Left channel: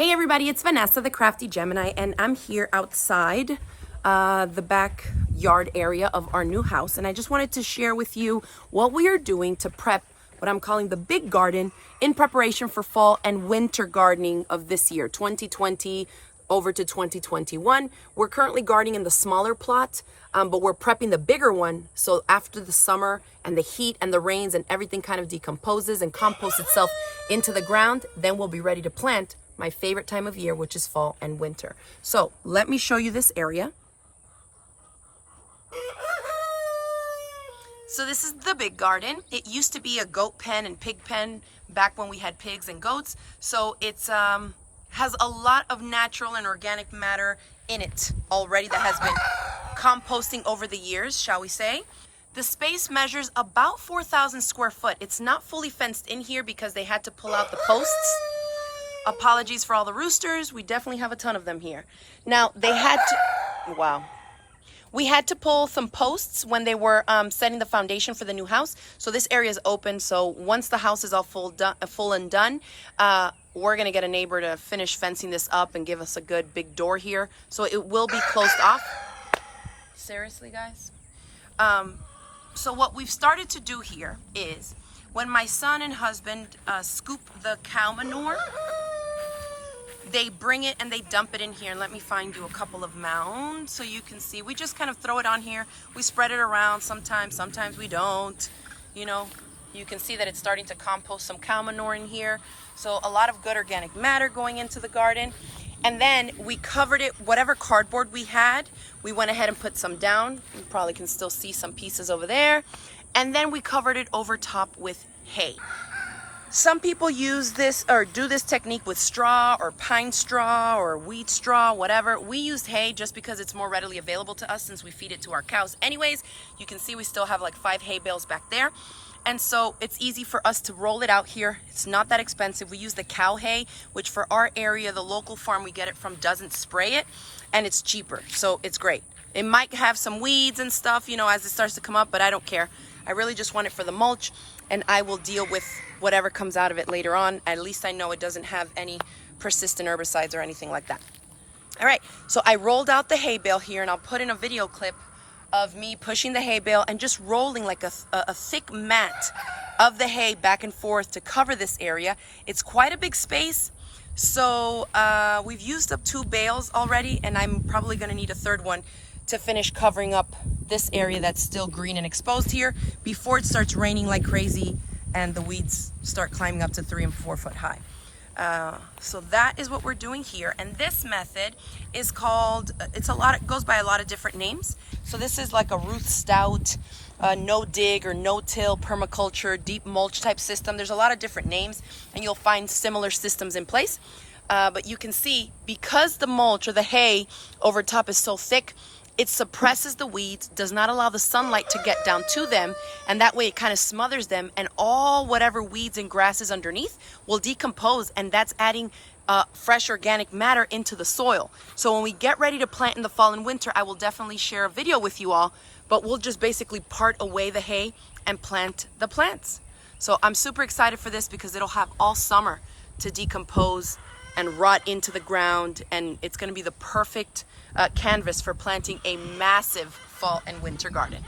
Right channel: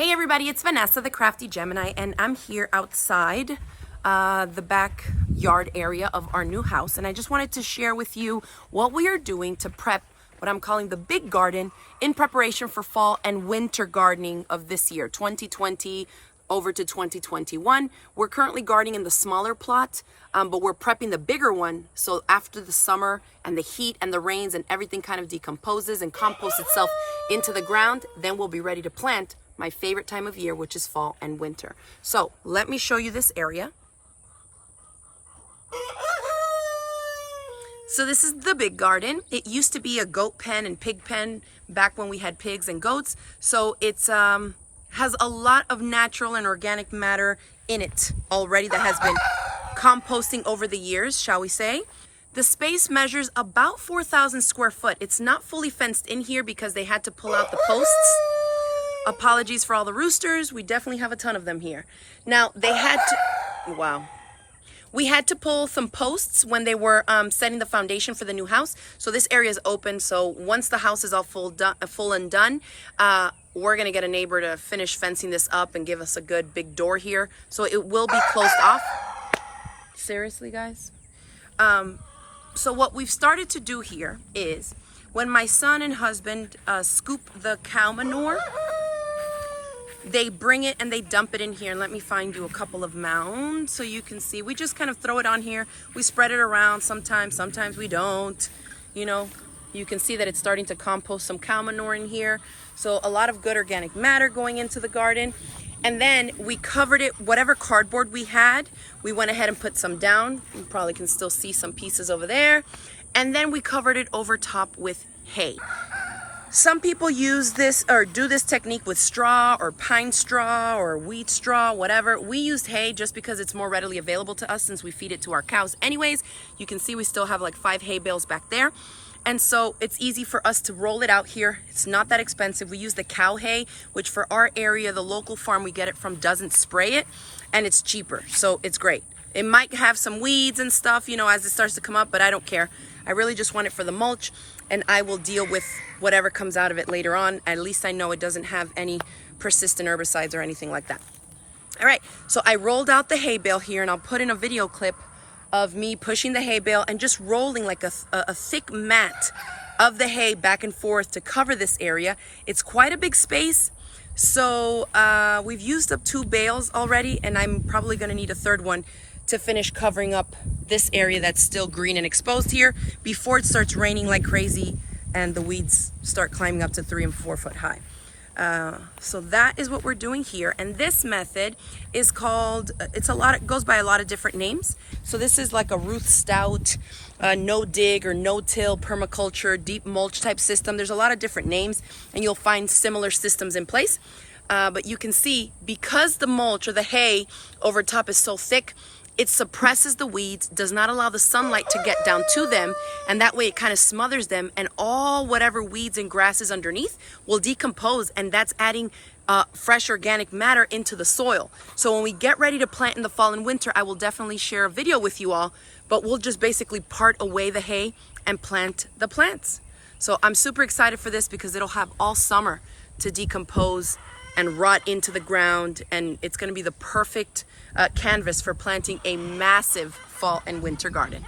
Hey everybody, it's Vanessa, the Crafty Gemini, and I'm here outside the backyard area of our new house. And I just wanted to share with you what we are doing to prep what I'm calling the big garden in preparation for fall and winter gardening of this year, 2020 over to 2021. We're currently gardening in the smaller plot, but we're prepping the bigger one. So after the summer and the heat and the rains and everything kind of decomposes and composts itself into the ground, then we'll be ready to plant my favorite time of year, which is fall and winter. So let me show you this area. So this is the big garden. It used to be a goat pen and pig pen back when we had pigs and goats. So it's has a lot of natural and organic matter in it already that has been composting over the years, shall we say. The space measures about 4,000 square foot. It's not fully fenced in here because they had to pull out the posts. Apologies for all the roosters. We definitely have a ton of them here. Now, they had to, wow. We had to pull some posts when they were setting the foundation for the new house. So this area is open. So once the house is all full and done, we're gonna get a neighbor to finish fencing this up and give us a good big door here. So it will be closed off. Seriously, guys? So what we've started to do here is when my son and husband scoop the cow manure, they bring it and they dump it in here. And let me find you a couple of mounds so you can see. We just kind of throw it on here. We spread it around sometimes we don't. You know, you can see that it's starting to compost some cow manure in here. So a lot of good organic matter going into the garden. And then we covered it, whatever cardboard we had, we went ahead and put some down. You probably can still see some pieces over there. And then we covered it over top with hay. Some people use this or do this technique with straw or pine straw or wheat straw, whatever. We used hay just because it's more readily available to us since we feed it to our cows anyways. You can see we still have like 5 hay bales back there. And so it's easy for us to roll it out here. It's not that expensive. We use the cow hay, which for our area, the local farm we get it from doesn't spray it, and it's cheaper. So it's great. It might have some weeds and stuff, you know, as it starts to come up, but I don't care. I really just want it for the mulch, and I will deal with whatever comes out of it later on. At least I know it doesn't have any persistent herbicides or anything like that. All right, so I rolled out the hay bale here, and I'll put in a video clip of me pushing the hay bale and just rolling like a thick mat of the hay back and forth to cover this area. It's quite a big space. So we've used up 2 bales already, and I'm probably gonna need a 3rd one to finish covering up this area that's still green and exposed here before it starts raining like crazy and the weeds start climbing up to 3 and 4 foot high. So that is what we're doing here. And this method is called, it goes by a lot of different names. So this is like a Ruth Stout, no dig or no till permaculture, deep mulch type system. There's a lot of different names and you'll find similar systems in place. But you can see because the mulch or the hay over top is so thick, it suppresses the weeds, does not allow the sunlight to get down to them, and that way it kind of smothers them, and all whatever weeds and grasses underneath will decompose, and that's adding fresh organic matter into the soil. So when we get ready to plant in the fall and winter, I will definitely share a video with you all, but we'll just basically part away the hay and plant the plants. So I'm super excited for this because it'll have all summer to decompose and rot into the ground, and it's going to be the perfect canvas for planting a massive fall and winter garden.